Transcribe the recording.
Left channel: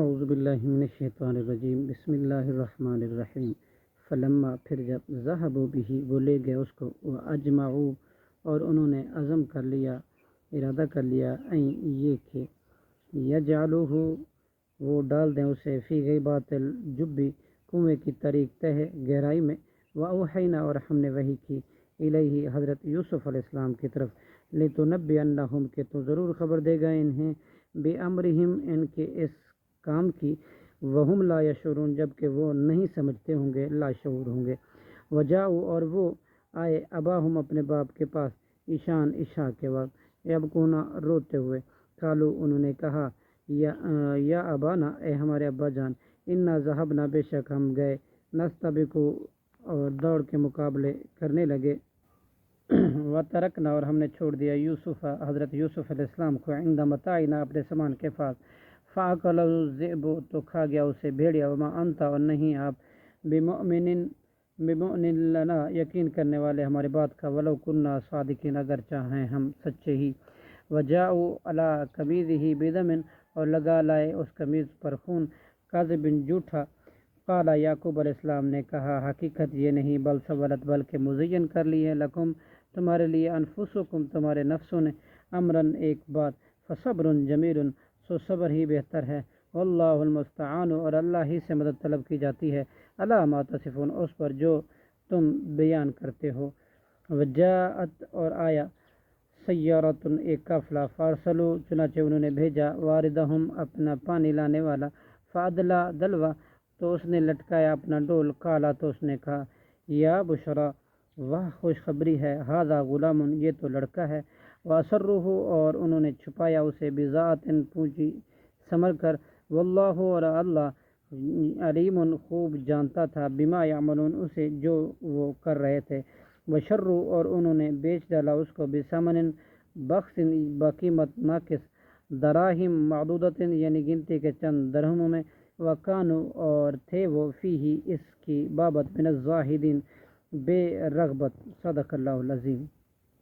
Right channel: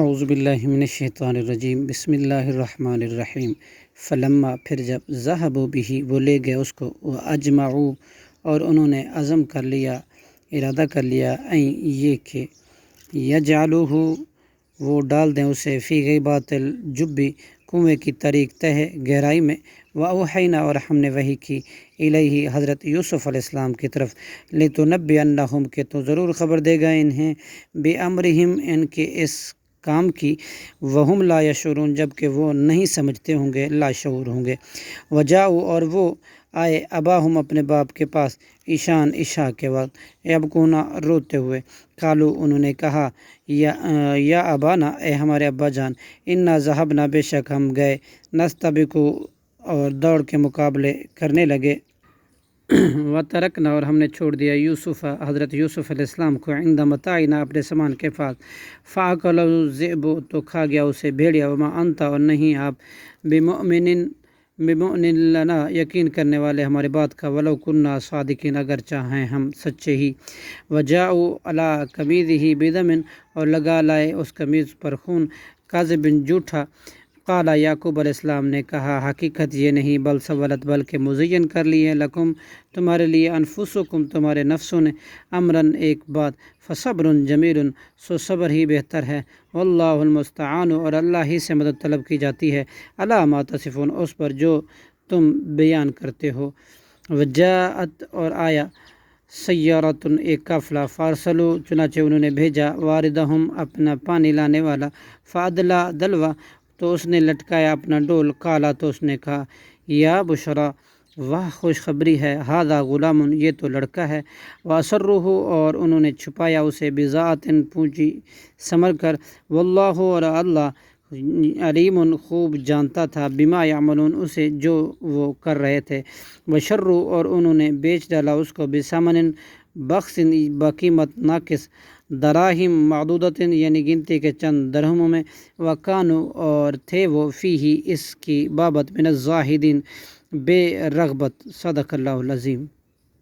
اعوذ باللہ من الشیطان الرجیم، بسم اللہ الرحمن الرحیم۔ فلما پھر جب ذہبوا بہ وہ لے گئے اس کو، واجمعوا اور انہوں نے عزم کر لیا، ارادہ کر لیا، یہ کہ یجعلوہ وہ ڈال دیں اسے فی غیبات الجب کنویں کی طریق تہ گہرائی میں، واوحینا اور ہم نے وحی کی الیہ حضرت یوسف علیہ السلام کی طرف، لتنبئنہم کہ تو ضرور خبر دے گا انہیں، بامرہم ان کے اس کام کی، وہم لا یشعرون جب کہ وہ نہیں سمجھتے ہوں گے، لا شعور ہوں گے۔ وجاؤ اور وہ آئے اباہم اپنے باپ کے پاس، عشاء کے وقت، یبکونا روتے ہوئے، قالو انہوں نے کہا، یا ابانا اے ہمارے ابا جان، انا ذہبنا بے شک ہم گئے، نستبقو اور دوڑ کے مقابلے کرنے لگے، وترکنا اور ہم نے چھوڑ دیا یوسف حضرت یوسف علیہ السلام کو، عند متاعنا اپنے سامان کے پاس، فاکلہ الذئب تو کھا گیا اسے بھیڑیا، وما انت اور نہیں آپ، بمؤمن لنا یقین کرنے والے ہمارے بات کا، ولو کننا صادقین اگر چاہیں ہم سچے ہی۔ وجاؤ علی قمیضہ بدم اور لگا لائے اس قمیض پر خون، کاذب جھوٹا، قال یعقوب علیہ السلام نے کہا، حقیقت یہ نہیں، بل سولت بلکہ مزین کر لی ہے، لکم تمہارے لیے، انفسکم تمہارے نفسوں نے، امرن ایک بات، فصبر جمیل سو صبر ہی بہتر ہے، واللہ المستعان اور اللہ ہی سے مدد طلب کی جاتی ہے، علی ما تصفون اس پر جو تم بیان کرتے ہو۔ وجاءت اور آیا سیارۃ ایک قافلہ، فارسلوا چنانچہ انہوں نے بھیجا، واردہم اپنا پانی لانے والا، فادلا دلوا تو اس نے لٹکایا اپنا ڈول، قالا تو اس نے کہا، یا بشرا واہ خوشخبری ہے، ھذا غلام یہ تو لڑکا ہے، واسروہ اور انہوں نے چھپایا اسے، بضاعت پونجی سنبھل کر، واللہ اور اللہ علیم خوب جانتا تھا، بما یعملون اسے جو وہ کر رہے تھے، وشروا اور انہوں نے بیچ ڈالا اس کو، بثمن بخس بقیمت ناقص، دراہم معدودۃ یعنی گنتی کے چند درہموں میں، وکانوا اور تھے وہ فیہ اس کی بابت من الزاہدین بے رغبت، صدق اللہ العظیم۔